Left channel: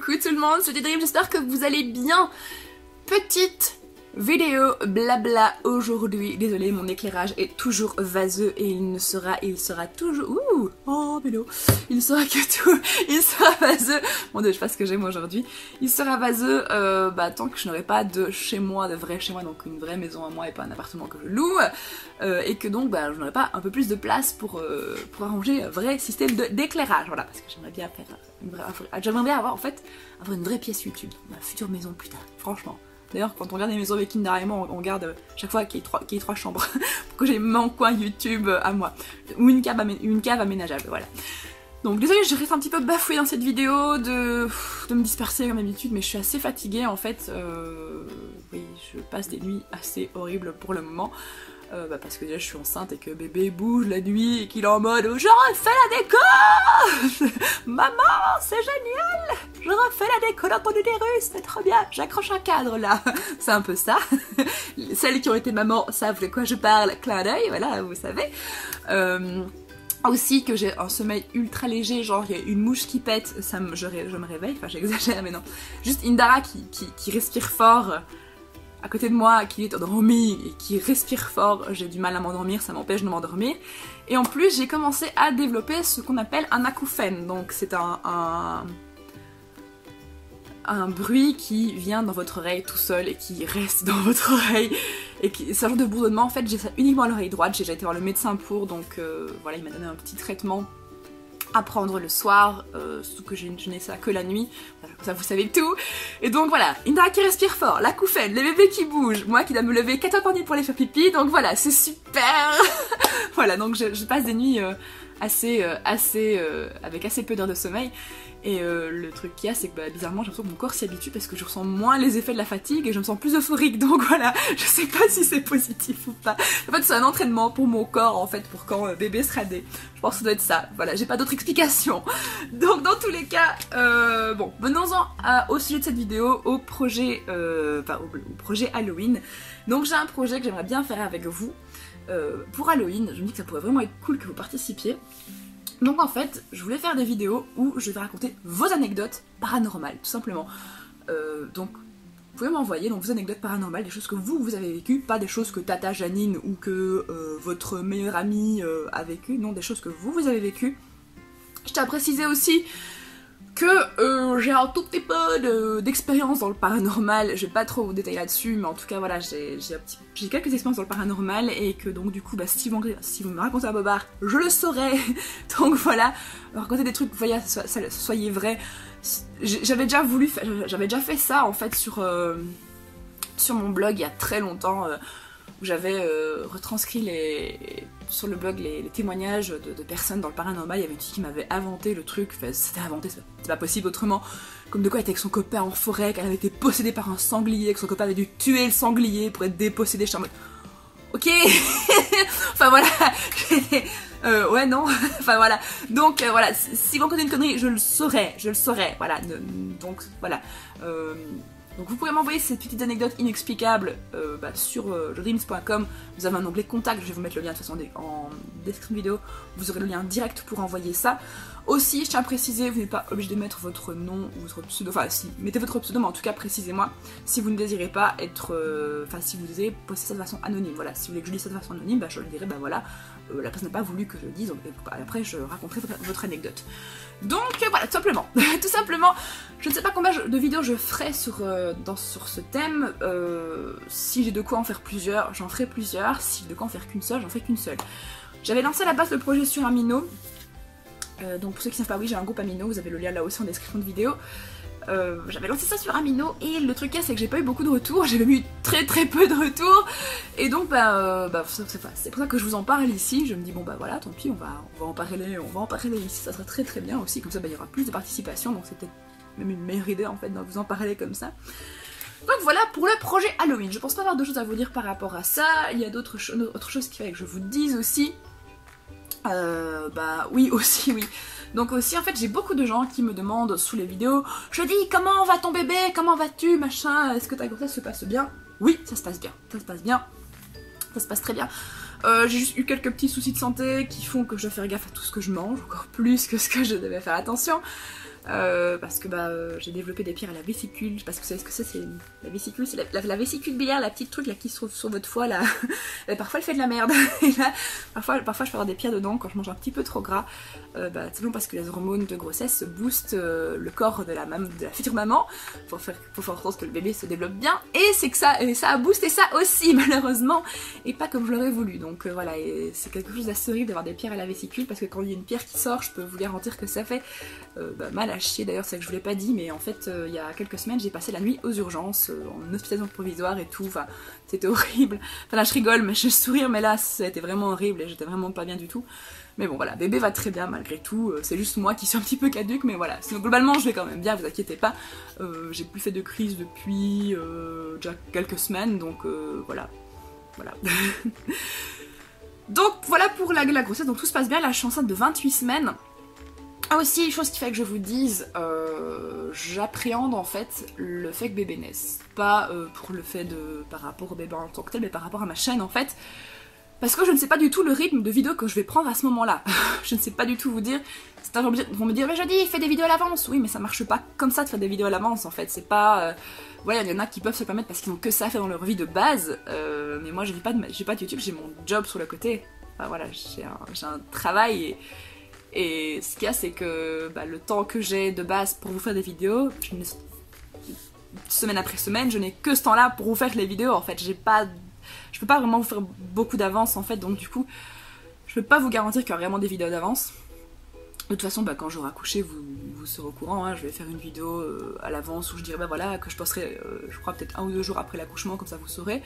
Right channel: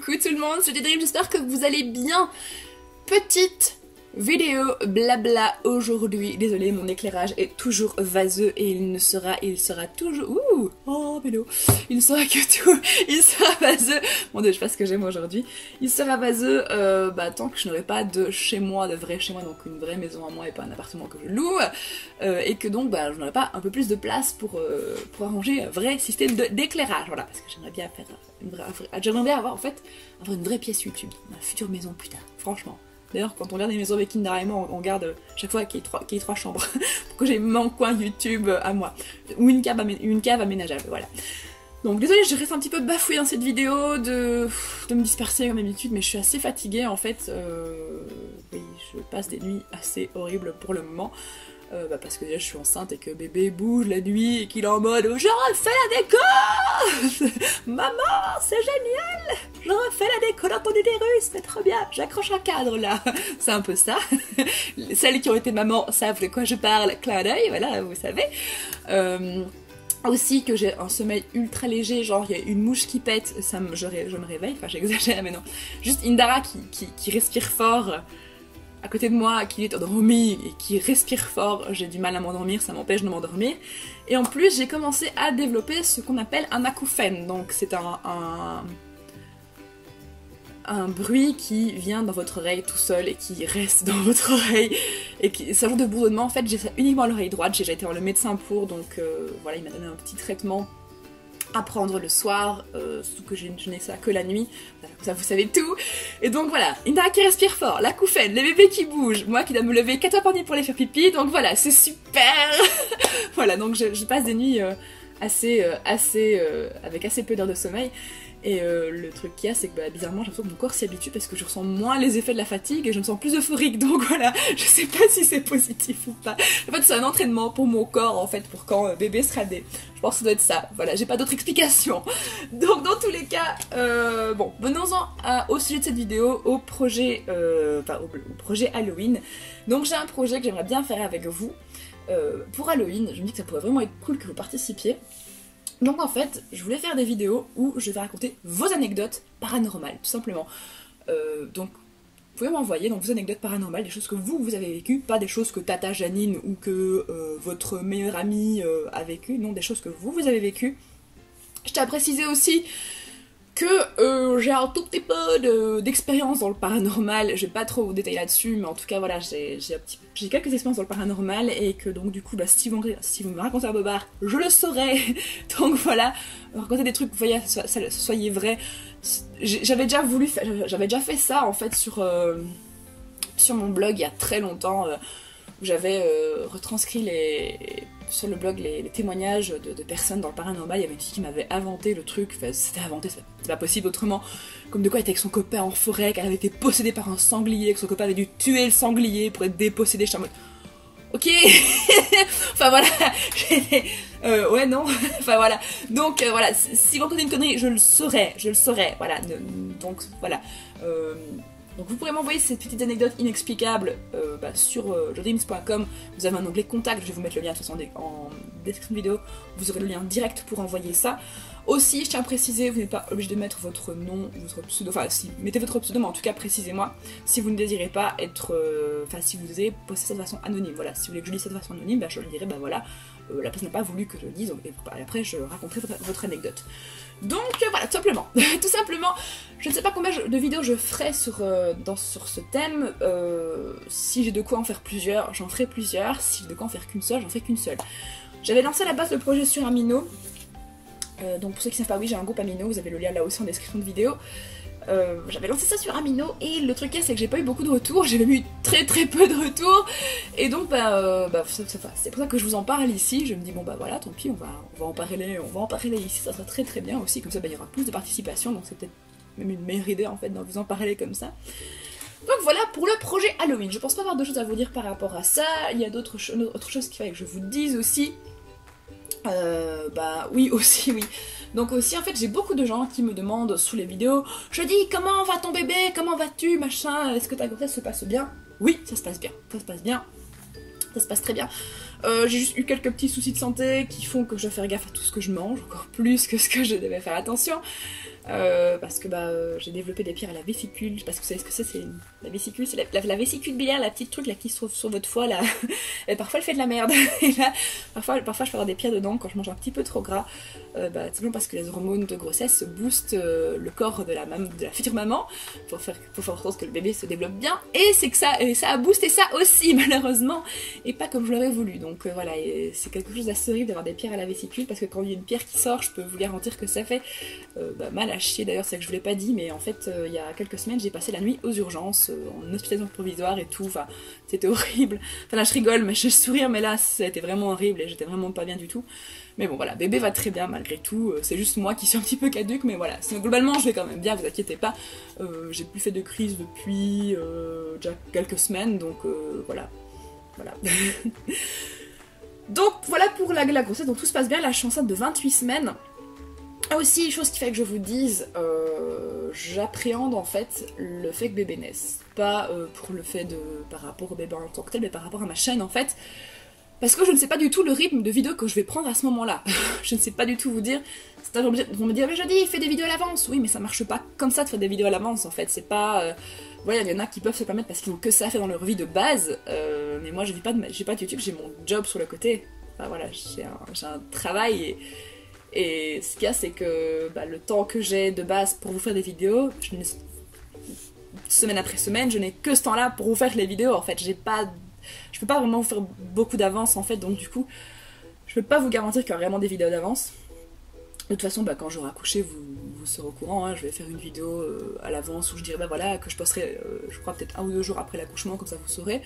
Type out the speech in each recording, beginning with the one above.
Coucou tout le monde, c'est Dream, j'espère que vous allez bien. Petite vidéo blabla aujourd'hui. Désolée, mon éclairage est toujours vaseux et il sera toujours... Ouh, oh Bélo. Il sera vaseux. Mon dieu, je sais pas ce que j'aime aujourd'hui. Il sera vaseux tant que je n'aurai pas de chez moi, de vrai chez moi, donc une vraie maison à moi et pas un appartement que je loue. Et que donc je n'aurai pas un peu plus de place pour arranger un vrai système d'éclairage. Voilà, parce que j'aimerais bien faire j'aimerais bien avoir une vraie pièce YouTube, ma future maison plus tard, franchement. D'ailleurs, quand on regarde les maisons avec Indara et moi, on regarde chaque fois qu'il y ait trois chambres, pour que j'ai mon coin YouTube à moi. Ou une cave aménageable, voilà. Donc désolée, je reste un petit peu bafouée dans cette vidéo, de me disperser comme d'habitude, mais je suis assez fatiguée en fait. Oui, je passe des nuits assez horribles pour le moment. Parce que déjà je suis enceinte et que bébé bouge la nuit et qu'il est en mode « Je refais la déco Maman, c'est génial! Je refais la déco dans ton utérus, c'est trop bien, j'accroche un cadre là !» C'est un peu ça. Celles qui ont été mamans savent de quoi je parle, clin d'œil, voilà, vous savez. Aussi que j'ai un sommeil ultra léger, genre il y a une mouche qui pète, je me réveille, enfin j'exagère mais non. Juste Indara qui respire fort à côté de moi, qui est endormi et qui respire fort, j'ai du mal à m'endormir, ça m'empêche de m'endormir. Et en plus, j'ai commencé à développer ce qu'on appelle un acouphène, donc c'est un bruit qui vient dans votre oreille tout seul et qui reste dans votre oreille. Et c'est un genre de bourdonnement, en fait j'ai ça uniquement à l'oreille droite, j'ai déjà été voir le médecin pour, donc voilà, il m'a donné un petit traitement à prendre le soir, surtout que je n'ai ça que la nuit, voilà, comme ça vous savez tout. Et donc voilà, Indara qui respire fort, l'acouphène, les bébés qui bougent, moi qui dois me lever 4 heures par nuit pour les faire pipi, donc voilà, c'est super. Voilà, donc je passe des nuits avec assez peu d'heures de sommeil. Et le truc qu'il y a, c'est que bizarrement j'ai l'impression que mon corps s'y habitue parce que je ressens moins les effets de la fatigue et je me sens plus euphorique, donc voilà, je sais pas si c'est positif ou pas. En fait c'est un entraînement pour mon corps en fait, pour quand bébé sera né. Je pense que ça doit être ça, voilà, j'ai pas d'autre explication. Donc dans tous les cas, bon, venons-en au sujet de cette vidéo, au projet Halloween. Donc j'ai un projet que j'aimerais bien faire avec vous. Pour Halloween, je me dis que ça pourrait vraiment être cool que vous participiez. Donc en fait, je voulais faire des vidéos où je vais raconter vos anecdotes paranormales, tout simplement. Donc, vous pouvez m'envoyer vos anecdotes paranormales, des choses que vous avez vécues, pas des choses que Tata Janine ou que votre meilleure amie a vécues, non, des choses que vous avez vécues. Je tiens à préciser aussi que j'ai un tout petit peu d'expérience dans le paranormal, je vais pas trop vous détailler là-dessus, mais en tout cas voilà, j'ai quelques expériences dans le paranormal et que donc du coup si vous me racontez un bobard, je le saurai. Donc voilà, raconter des trucs, voyez, soyez vrais. J'avais déjà fait ça en fait sur mon blog il y a très longtemps, où j'avais retranscrit sur le blog les témoignages de personnes dans le paranormal. Il y avait une fille qui m'avait inventé le truc, enfin, c'était inventé, c'était pas possible autrement, comme de quoi elle était avec son copain en forêt, qu'elle avait été possédée par un sanglier, que son copain avait dû tuer le sanglier pour être dépossédé. Je suis en mode ok. Enfin voilà, ouais non, enfin voilà, donc voilà, si vous racontez une connerie, je le saurais, voilà, donc voilà. Donc vous pourrez m'envoyer ces petites anecdotes inexplicables sur jodreams.com. Vous avez un onglet contact, je vais vous mettre le lien de toute façon en description de vidéo, vous aurez le lien direct pour envoyer ça. Aussi, je tiens à préciser, vous n'êtes pas obligé de mettre votre nom, votre pseudo, enfin si, mettez votre pseudo, mais en tout cas précisez-moi si vous ne désirez pas être, si vous désirez poster ça de façon anonyme, voilà, si vous voulez que je lise ça de façon anonyme, je le dirai, voilà, la personne n'a pas voulu que je le dise, donc, et après je raconterai votre anecdote. Donc voilà, tout simplement, je ne sais pas combien de vidéos je ferai sur ce thème. Si j'ai de quoi en faire plusieurs, j'en ferai plusieurs. Si j'ai de quoi en faire qu'une seule, j'en ferai qu'une seule. J'avais lancé à la base le projet sur Amino. Donc pour ceux qui ne savent pas, oui, j'ai un groupe Amino, vous avez le lien là aussi en description de vidéo. J'avais lancé ça sur Amino et le truc c'est que j'ai pas eu beaucoup de retours, j'ai même eu très peu de retours, et donc c'est pour ça que je vous en parle ici. Je me dis bon voilà, tant pis, on va en parler ici, ça sera très bien aussi, comme ça il y aura plus de participation, donc c'est peut-être même une meilleure idée en fait de vous en parler comme ça. Donc voilà pour le projet Halloween. Je pense pas avoir d'autres choses à vous dire par rapport à ça. Il y a autre chose qu'il fallait que je vous dise aussi. Oui. Donc aussi en fait j'ai beaucoup de gens qui me demandent sous les vidéos, je dis comment va ton bébé, comment vas-tu, machin, est-ce que ta grossesse se passe bien? Oui, ça se passe bien, ça se passe très bien. J'ai juste eu quelques petits soucis de santé qui font que je dois faire gaffe à tout ce que je mange, encore plus que ce que je devais faire attention. parce que j'ai développé des pierres à la vésicule. Je sais pas si vous savez ce que c'est la vésicule, c'est la vésicule biliaire, la petite truc là qui se trouve sur votre foie là. Et parfois elle fait de la merde. Et là, parfois je peux avoir des pierres dedans quand je mange un petit peu trop gras. Simplement parce que les hormones de grossesse boostent le corps de la future maman pour faire en sorte que le bébé se développe bien. Et c'est que ça a boosté ça aussi malheureusement. Et pas comme je l'aurais voulu. Donc voilà, c'est quelque chose d'assez horrible d'avoir des pierres à la vésicule parce que quand il y a une pierre qui sort, je peux vous garantir que ça fait mal à chier. D'ailleurs, c'est que je vous l'ai pas dit, mais en fait, il y a quelques semaines, j'ai passé la nuit aux urgences, en hospitalisation provisoire et tout. Enfin, c'était horrible. Enfin là, je rigole, mais je sourire, mais là, c'était vraiment horrible et j'étais vraiment pas bien du tout. Mais bon, voilà, bébé va très bien malgré tout. C'est juste moi qui suis un petit peu caduque, mais voilà. Sinon, globalement, je vais quand même bien, vous inquiétez pas. J'ai plus fait de crise depuis déjà quelques semaines, donc voilà. Donc voilà pour la grossesse, donc tout se passe bien. Là, je suis enceinte de 28 semaines. Ah aussi, chose qui fait que je vous dise, j'appréhende en fait le fait que bébé naisse. Pas pour le fait par rapport au bébé en tant que tel, mais par rapport à ma chaîne en fait. Parce que je ne sais pas du tout le rythme de vidéo que je vais prendre à ce moment-là. Je ne sais pas du tout vous dire. Certains vont me dire, mais je dis, fais des vidéos à l'avance. Oui, mais ça marche pas comme ça de faire des vidéos à l'avance en fait. C'est pas... Voilà, il y en a qui peuvent se permettre parce qu'ils n'ont que ça à faire dans leur vie de base. Mais moi, j'ai pas de YouTube, j'ai mon job sur le côté. Enfin voilà, j'ai un travail et ce qu'il y a, c'est que le temps que j'ai de base pour vous faire des vidéos, semaine après semaine, je n'ai que ce temps-là pour vous faire les vidéos. En fait, je peux pas vraiment vous faire beaucoup d'avance en fait, donc du coup, je peux pas vous garantir qu'il y aura vraiment des vidéos d'avance. De toute façon, quand j'aurai accouché, vous serez au courant, hein. Je vais faire une vidéo à l'avance où je dirai voilà, que je posterai, je crois peut-être 1 ou 2 jours après l'accouchement, comme ça vous saurez.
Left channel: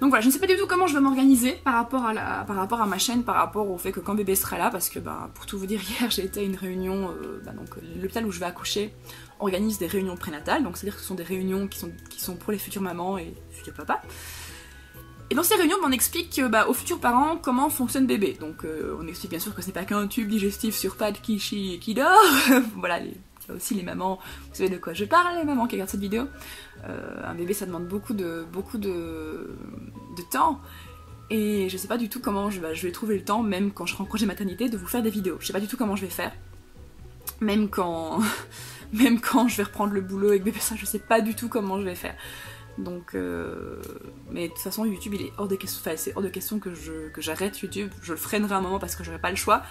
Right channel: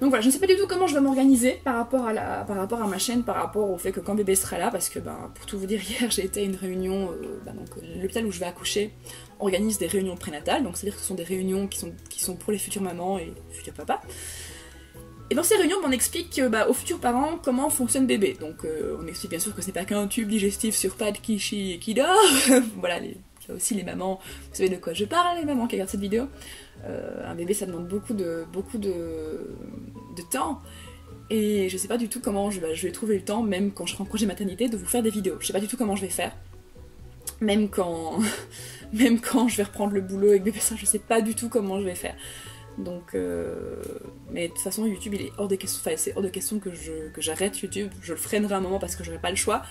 Donc voilà, je ne sais pas du tout comment je vais m'organiser par rapport à ma chaîne, par rapport au fait que quand bébé sera là, parce que pour tout vous dire, hier j'ai été à une réunion, donc l'hôpital où je vais accoucher organise des réunions prénatales, donc c'est-à-dire que ce sont des réunions qui sont pour les futures mamans et futurs papas. Et dans ces réunions, on explique aux futurs parents comment fonctionne bébé. Donc on explique bien sûr que ce n'est pas qu'un tube digestif sur pattes qui chie et qui dort. Voilà, il y a aussi les mamans, vous savez de quoi je parle, les mamans qui regardent cette vidéo. Un bébé ça demande beaucoup de temps. Et je sais pas du tout comment je vais trouver le temps, même quand je serai en congé maternité, de vous faire des vidéos. Je sais pas du tout comment je vais faire. Même quand je vais reprendre le boulot avec bébé, ça je sais pas du tout comment je vais faire. Donc, mais de toute façon YouTube il est hors de question, enfin c'est hors de question que j'arrête YouTube. Je le freinerai un moment parce que j'aurai pas le choix,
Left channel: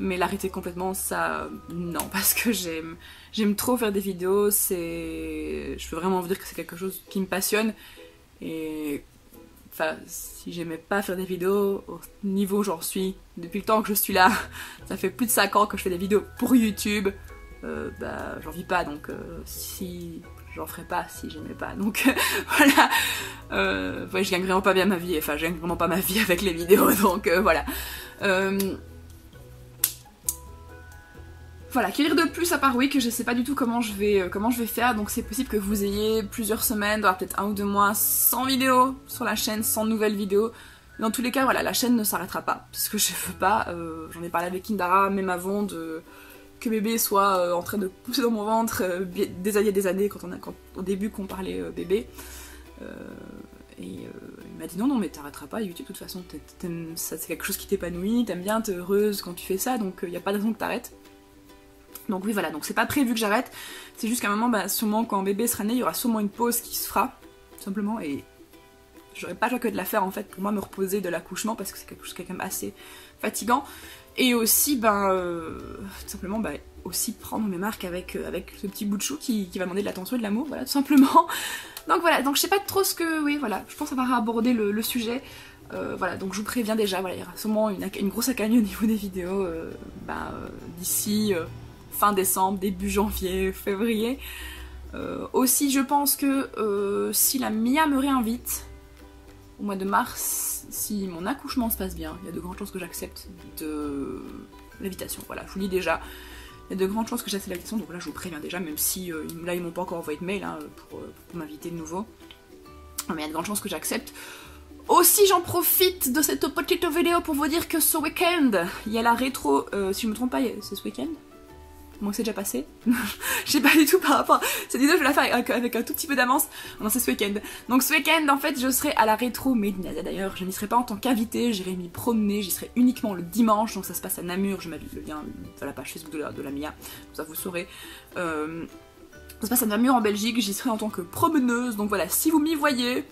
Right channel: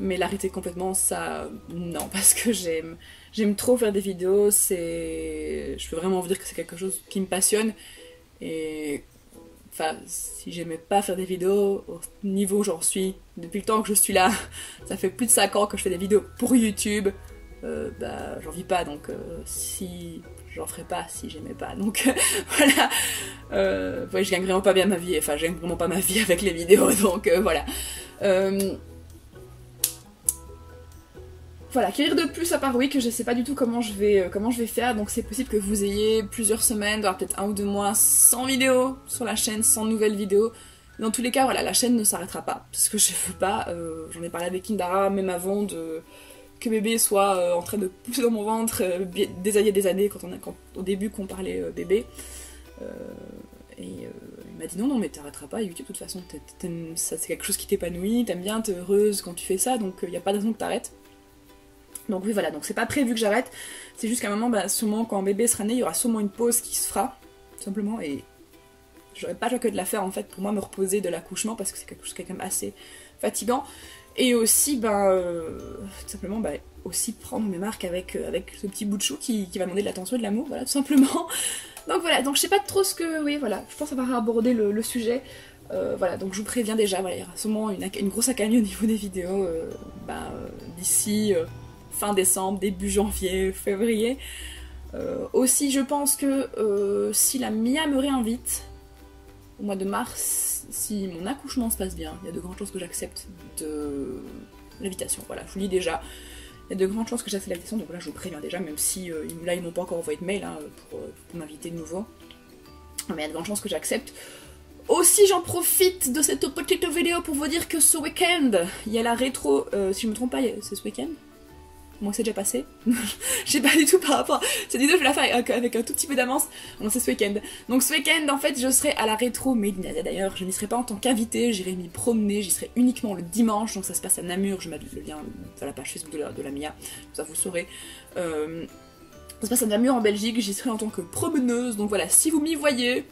mais l'arrêter complètement ça non, parce que j'aime trop faire des vidéos. Je peux vraiment vous dire que c'est quelque chose qui me passionne et enfin si j'aimais pas faire des vidéos au niveau où j'en suis depuis le temps que je suis là, ça fait plus de 5 ans que je fais des vidéos pour YouTube. J'en vis pas, donc si j'en ferais pas si j'aimais pas, donc voilà. Ouais, je gagne vraiment pas bien ma vie, enfin je gagne vraiment pas ma vie avec les vidéos, donc voilà. Voilà, que dire de plus à part oui que je sais pas du tout comment je vais faire, donc c'est possible que vous ayez plusieurs semaines, voire peut-être 1 ou 2 mois sans vidéo sur la chaîne, sans nouvelles vidéos. Dans tous les cas, voilà, la chaîne ne s'arrêtera pas, parce que je veux pas, j'en ai parlé avec Kindara même avant que bébé soit en train de pousser dans mon ventre des années quand au début qu'on parlait bébé. Il m'a dit non mais t'arrêteras pas YouTube de toute façon, ça c'est quelque chose qui t'épanouit, t'aimes bien, t'es heureuse quand tu fais ça, donc il n'y a pas de raison que t'arrêtes. Donc oui voilà, donc c'est pas prévu que j'arrête, c'est juste qu'à un moment, sûrement quand bébé sera né, il y aura sûrement une pause qui se fera, tout simplement, et j'aurais pas le choix que de la faire en fait pour moi me reposer de l'accouchement parce que c'est quelque chose qui est quand même assez fatigant. Et aussi, tout simplement, aussi prendre mes marques avec ce petit bout de chou qui va demander de l'attention et de l'amour, voilà, tout simplement. Donc voilà, donc je sais pas trop ce que... Oui, voilà, je pense avoir abordé le sujet. Voilà, donc je vous préviens déjà, voilà, il y aura sûrement une grosse accalmie au niveau des vidéos d'ici fin décembre, début janvier, février. Aussi, je pense que si la Mia me réinvite au mois de mars, si mon accouchement se passe bien, il y a de grandes chances que j'accepte de l'invitation. Voilà, je vous le dis déjà, il y a de grandes chances que j'accepte l'invitation, donc là je vous préviens déjà, même si là ils m'ont pas encore envoyé de mail hein, pour m'inviter de nouveau. Mais il y a de grandes chances que j'accepte. Aussi, j'en profite de cette petite vidéo pour vous dire que ce week-end, il y a la rétro, si je me trompe pas, c'est ce week-end? Moi c'est déjà passé. Je sais pas du tout par rapport. Cette vidéo je vais la faire avec un tout petit peu d'avance. Non c'est ce week-end. Donc ce week-end en fait je serai à la rétro Médina d'ailleurs. Je n'y serai pas en tant qu'invitée, j'irai m'y promener, j'y serai uniquement le dimanche. Donc ça se passe à Namur, je m'habille le lien dans la page Facebook de la Mia. Ça vous saurez. Ça se passe à Namur en Belgique, j'y serai en tant que promeneuse. Donc voilà, si vous m'y voyez,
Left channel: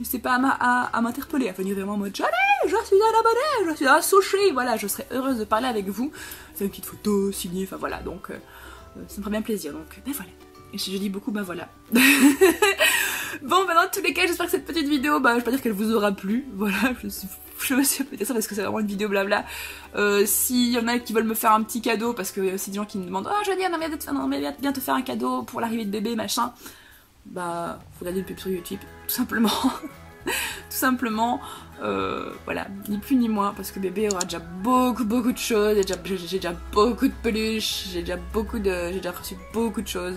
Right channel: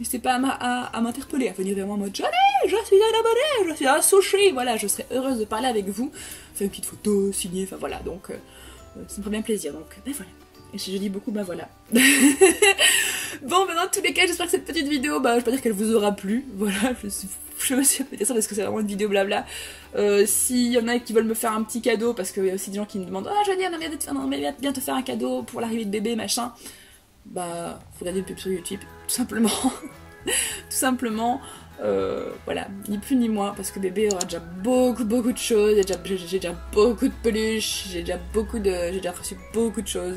n'hésitez pas à m'interpeller, à venir vraiment en mode Johnny, je suis un abonné, je suis un sushi, voilà, je serais heureuse de parler avec vous, faire une petite photo, signer, enfin voilà, donc ça me ferait bien plaisir, donc ben voilà. Et je dis beaucoup ben voilà. Bon, ben dans tous les cas, j'espère que cette petite vidéo, bah je vais pas dire qu'elle vous aura plu, voilà, je sais pas si je peux dire ça parce que c'est vraiment une vidéo blabla. S'il y en a qui veulent me faire un petit cadeau, parce qu'il y a aussi des gens qui me demandent « Oh Johnny, on aimerait bien te faire un cadeau pour l'arrivée de bébé, machin », bah faut regarder une pub sur YouTube, tout simplement. Tout simplement, voilà, ni plus ni moins, parce que bébé aura déjà beaucoup de choses, j'ai déjà beaucoup de peluches, j'ai déjà reçu beaucoup de choses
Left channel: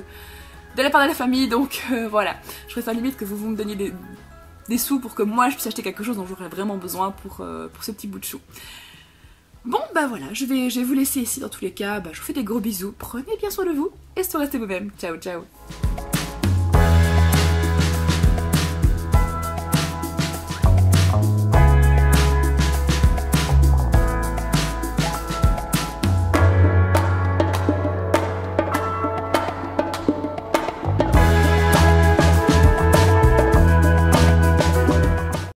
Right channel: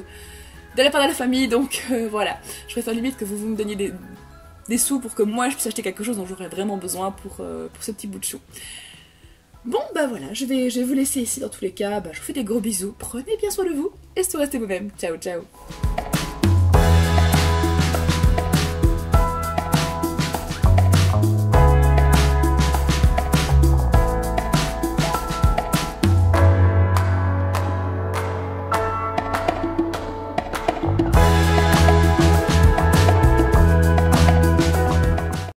de la part de la famille, donc voilà, je préfère limite que vous me donniez des sous pour que moi je puisse acheter quelque chose dont j'aurais vraiment besoin pour ce petit bout de chou. Bon bah voilà, je vais vous laisser ici dans tous les cas, bah, je vous fais des gros bisous, prenez bien soin de vous, et surtout restez vous-même, ciao ciao.